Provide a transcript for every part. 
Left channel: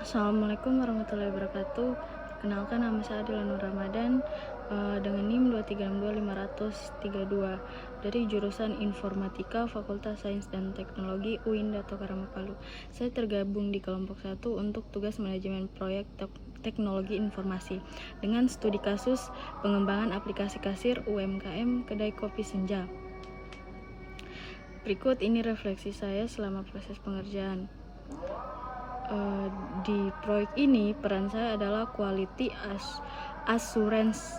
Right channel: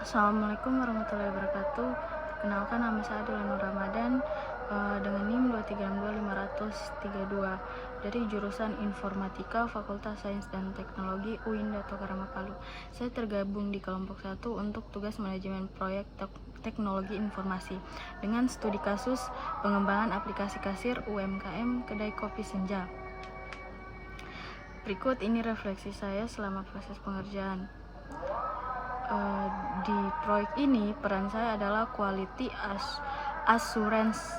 Assalamualaikum warahmatullahi wabarakatuh. Perkenalkan, nama saya Adila Nur Ramadan dengan NIM 2362532 dari jurusan Informatika Fakultas Sains dan Teknologi UIN Dato Karama Palu. Saya tergabung di kelompok 1 untuk tugas manajemen proyek teknologi informasi dengan studi kasus pengembangan aplikasi kasir UMKM Kedai Kopi Senja. Berikut ini refleksi saya selama proses pengerjaan. Di proyek ini peran saya adalah quality assurance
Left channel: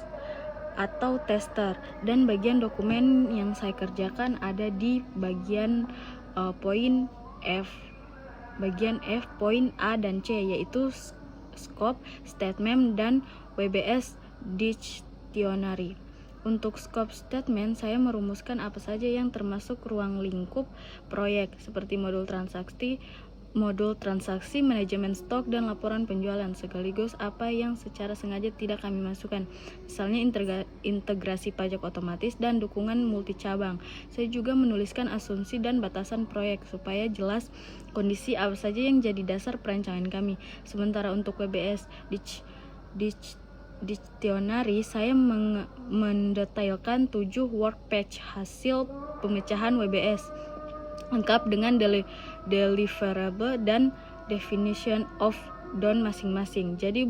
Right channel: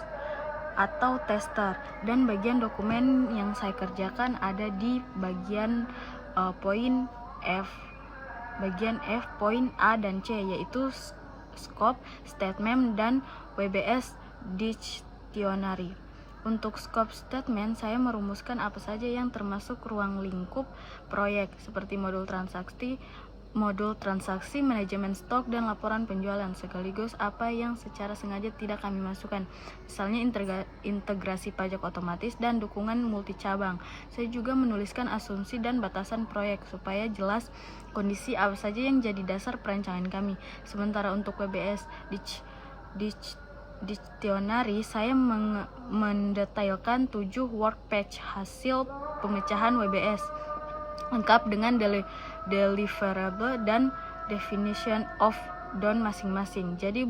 atau tester, dan bagian dokumen yang saya kerjakan ada di bagian poin F, poin A dan C, yaitu scope, statement, dan WBS dictionary. Untuk scope statement, saya merumuskan apa saja yang termasuk ruang lingkup proyek, seperti modul transaksi, manajemen stok, dan laporan penjualan, sekaligus apa yang secara sengaja tidak kami masukkan, misalnya integrasi pajak otomatis dan dukungan multi cabang. Saya juga menuliskan asumsi dan batasan proyek supaya jelas kondisi apa saja yang jadi dasar perancangan kami. Sementara untuk WBS dictionary, saya mendetailkan 7 workpatch hasil pemecahan WBS lengkap dengan deliverable dan definition of done masing-masing. Jadi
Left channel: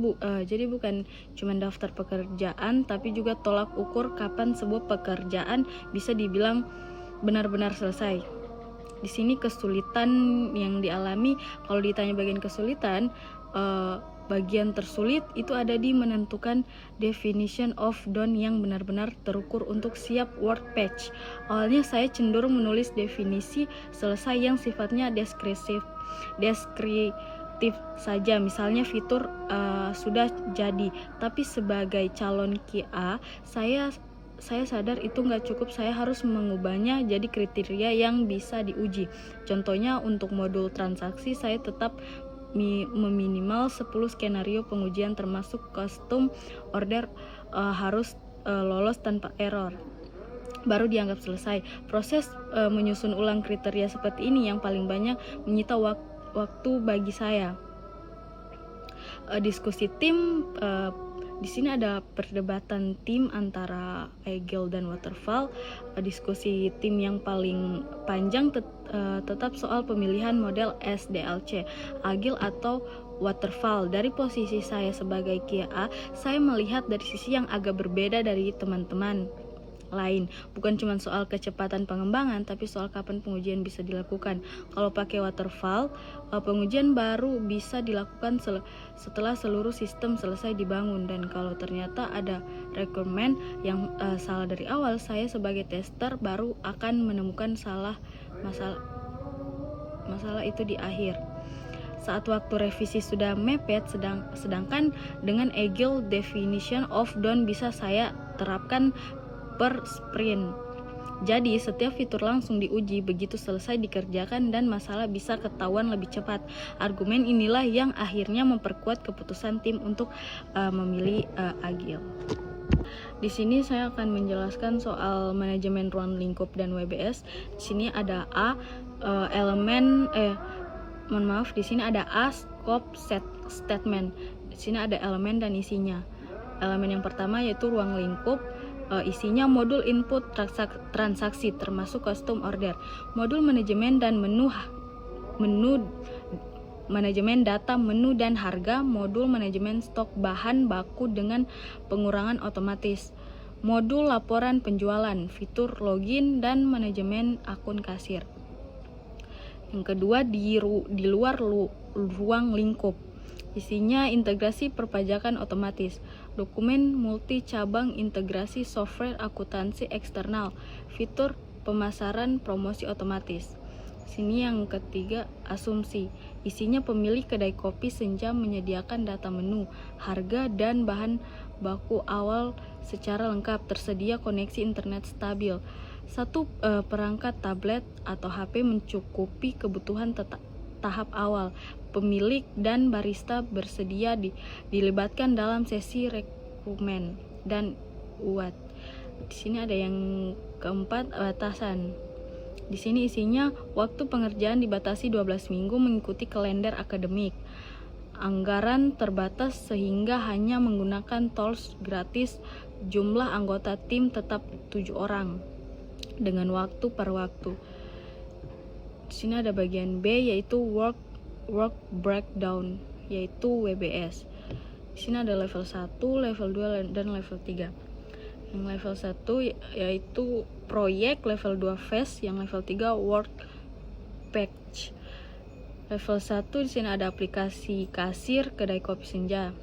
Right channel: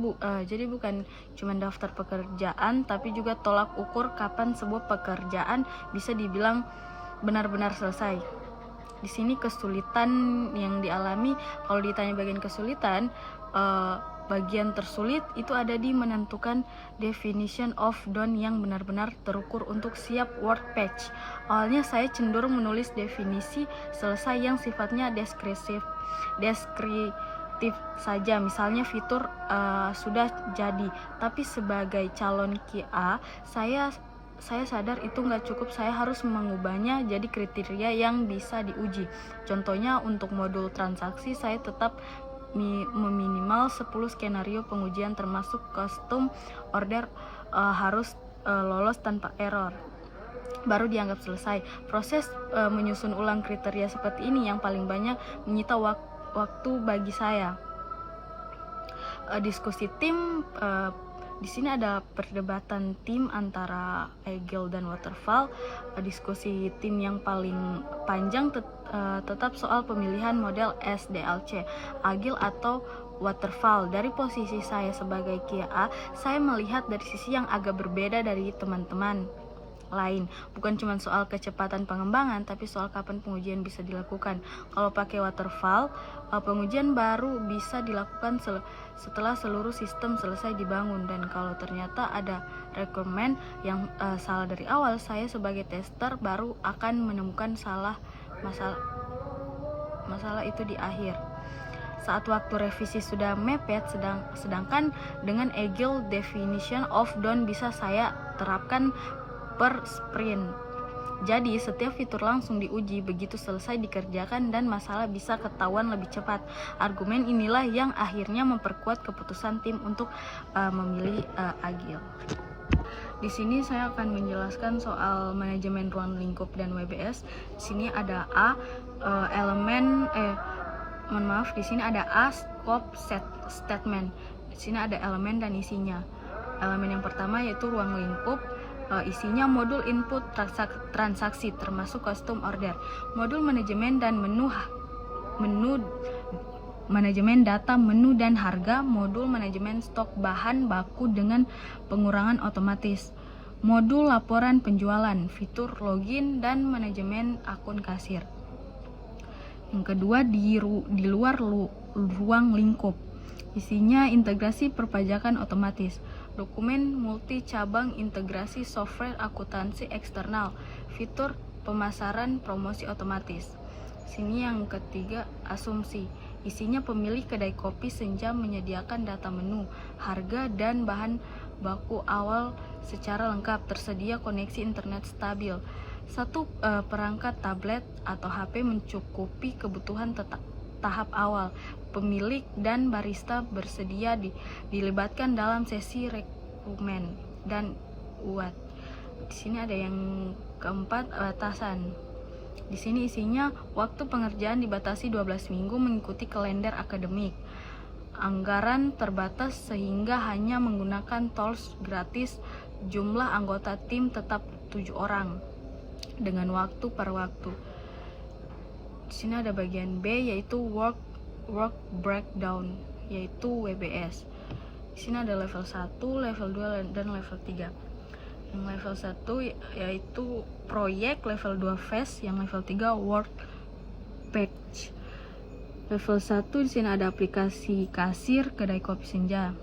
bukan cuma daftar pekerjaan, tapi juga tolak ukur kapan sebuah pekerjaan bisa dibilang benar-benar selesai. Di sini kesulitan yang dialami, kalau ditanya bagian kesulitan, bagian tersulit itu ada di menentukan definition of done yang benar-benar terukur untuk siap workpatch. Awalnya saya cenderung menulis definisi selesai yang sifatnya deskriptif saja, misalnya fitur sudah jadi. Tapi sebagai calon QA, saya sadar itu nggak cukup, saya harus mengubahnya jadi kriteria yang bisa diuji. Contohnya untuk modul transaksi, saya tetap meminimal 10 skenario pengujian termasuk custom order harus lolos tanpa error, baru dianggap selesai. Proses menyusun ulang kriteria seperti ini yang paling banyak menyita waktu bagi saya. Diskusi tim, di sini ada perdebatan tim antara Agile dan Waterfall. Diskusi tim yang paling panjang tetap soal pemilihan model SDLC, Agile atau Waterfall. Dari posisi saya sebagai QA, saya melihat dari sisi yang agak berbeda dari teman-teman lain. Bukan cuma soal kecepatan pengembangan, tapi soal kapan pengujian bisa dilakukan. Kalau pakai Waterfall, pengujian baru bisa dilakukan setelah seluruh sistem selesai dibangun. Dan kalau ternyata ada requirement yang salah dari awal, saya sebagai tester baru akan menemukan masalah itu di akhir, saat waktu revisi sudah mepet. Sedangkan dengan Agile, definition of done bisa saya terapkan per sprint. Jadi setiap fitur langsung diuji begitu selesai dikerjakan dan masalah bisa ketahuan lebih cepat. Argumen inilah yang akhirnya memperkuat keputusan tim untuk memilih Agile. Di sini saya akan menjelaskan soal manajemen ruang lingkup dan WBS. Di sini ada di sini ada scope statement. Di sini ada elemen dan isinya. Elemen yang pertama yaitu ruang lingkup. Isinya modul input transaksi termasuk custom order, modul manajemen dan menu manajemen data, menu dan harga, modul manajemen stok bahan baku dengan pengurangan otomatis, modul laporan penjualan, fitur login dan manajemen akun kasir. Yang kedua, di luar ruang lingkup, isinya integrasi perpajakan otomatis, dokumen multi cabang, integrasi software akuntansi eksternal, fitur pemasaran promosi otomatis. Sini yang ketiga, asumsi, isinya pemilik kedai kopi Senja menyediakan data menu, harga dan bahan baku awal secara lengkap, tersedia koneksi internet stabil. Satu perangkat tablet atau HP mencukupi kebutuhan tahap awal. Pemilik dan barista bersedia dilibatkan dalam sesi rekrutmen dan UAT. Di sini ada yang keempat, batasan. Di sini isinya waktu pengerjaan dibatasi 12 minggu mengikuti kalender akademik. Anggaran terbatas sehingga hanya menggunakan tools gratis. Jumlah anggota tim tetap 7 orang dengan waktu per waktu. Di sini ada bagian B yaitu work breakdown, yaitu WBS. Di sini ada level 1, level 2 dan level 3. Yang level 1 yaitu proyek, level 2 phase, yang level 3 work patch. Level 1 di sini ada aplikasi kasir, kedai kopi senja.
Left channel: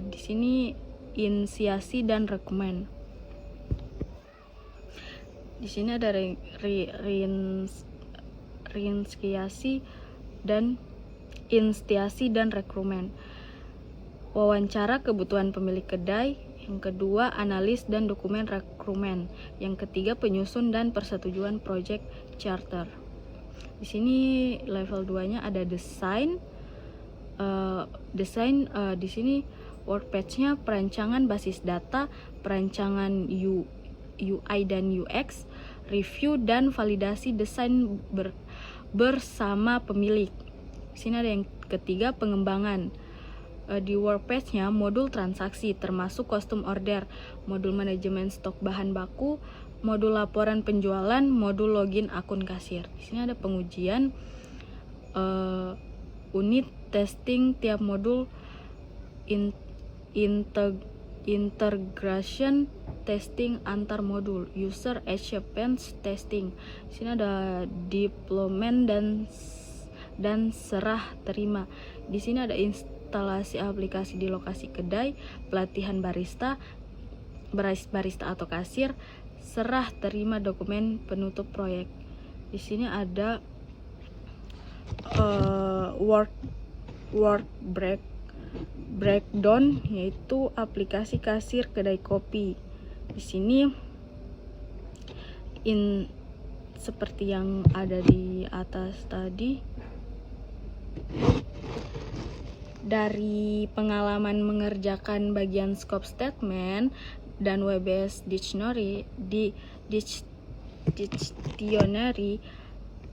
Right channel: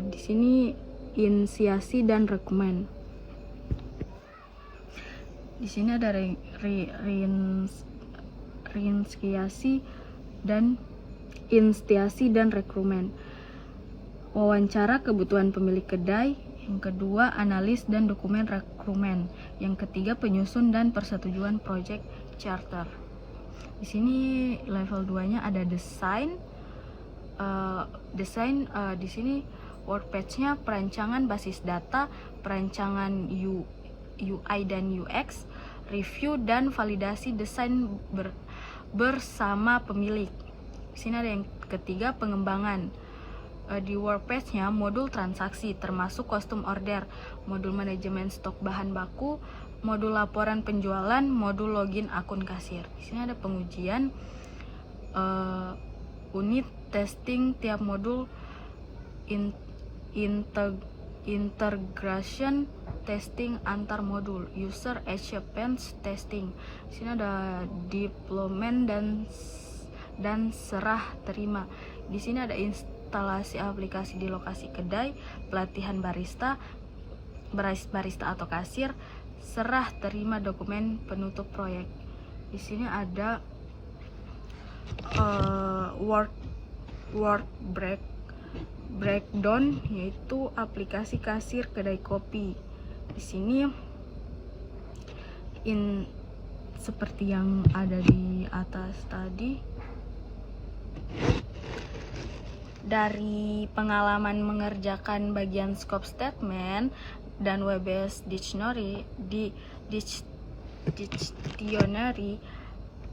Di sini inisiasi dan rekomen. Di sini ada reinisiasi dan rekrutmen. Wawancara kebutuhan pemilik kedai. Yang kedua, analis dan dokumen rekrutmen. Yang ketiga, penyusun dan persetujuan project charter. Di sini level 2-nya ada desain. Di sini work page-nya perancangan basis data, perancangan UI dan UX, review dan validasi desain bersama pemilik. Di sini ada yang ketiga, pengembangan. Di work page-nya modul transaksi termasuk custom order, modul manajemen stok bahan baku, modul laporan penjualan, modul login akun kasir. Di sini ada pengujian, unit testing tiap modul, integration testing antar modul, user acceptance testing. Di sini ada deployment dan serah terima. Di sini ada instalasi aplikasi di lokasi kedai, pelatihan barista atau kasir, serah terima dokumen penutup proyek. Di sini ada work breakdown, yaitu aplikasi kasir kedai kopi. Di sini seperti yang ada di atas tadi. Dari pengalaman mengerjakan bagian scope statement dan WBS dictionary,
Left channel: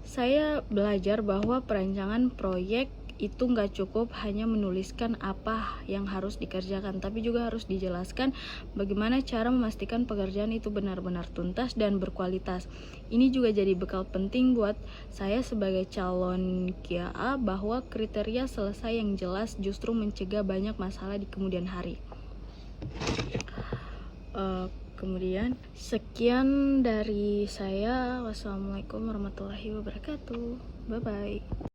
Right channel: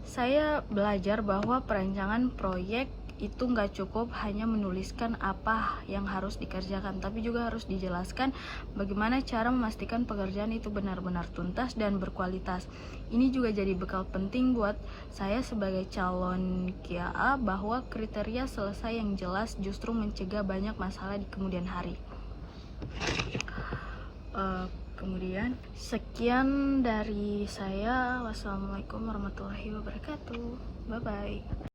saya belajar bahwa perancangan proyek itu nggak cukup hanya menuliskan apa yang harus dikerjakan, tapi juga harus dijelaskan bagaimana cara memastikan pekerjaan itu benar-benar tuntas dan berkualitas. Ini juga jadi bekal penting buat saya sebagai calon QA bahwa kriteria selesai yang jelas justru mencegah banyak masalah di kemudian hari. Kemudian sekian dari saya. Wassalamualaikum warahmatullahi wabarakatuh. Bye bye.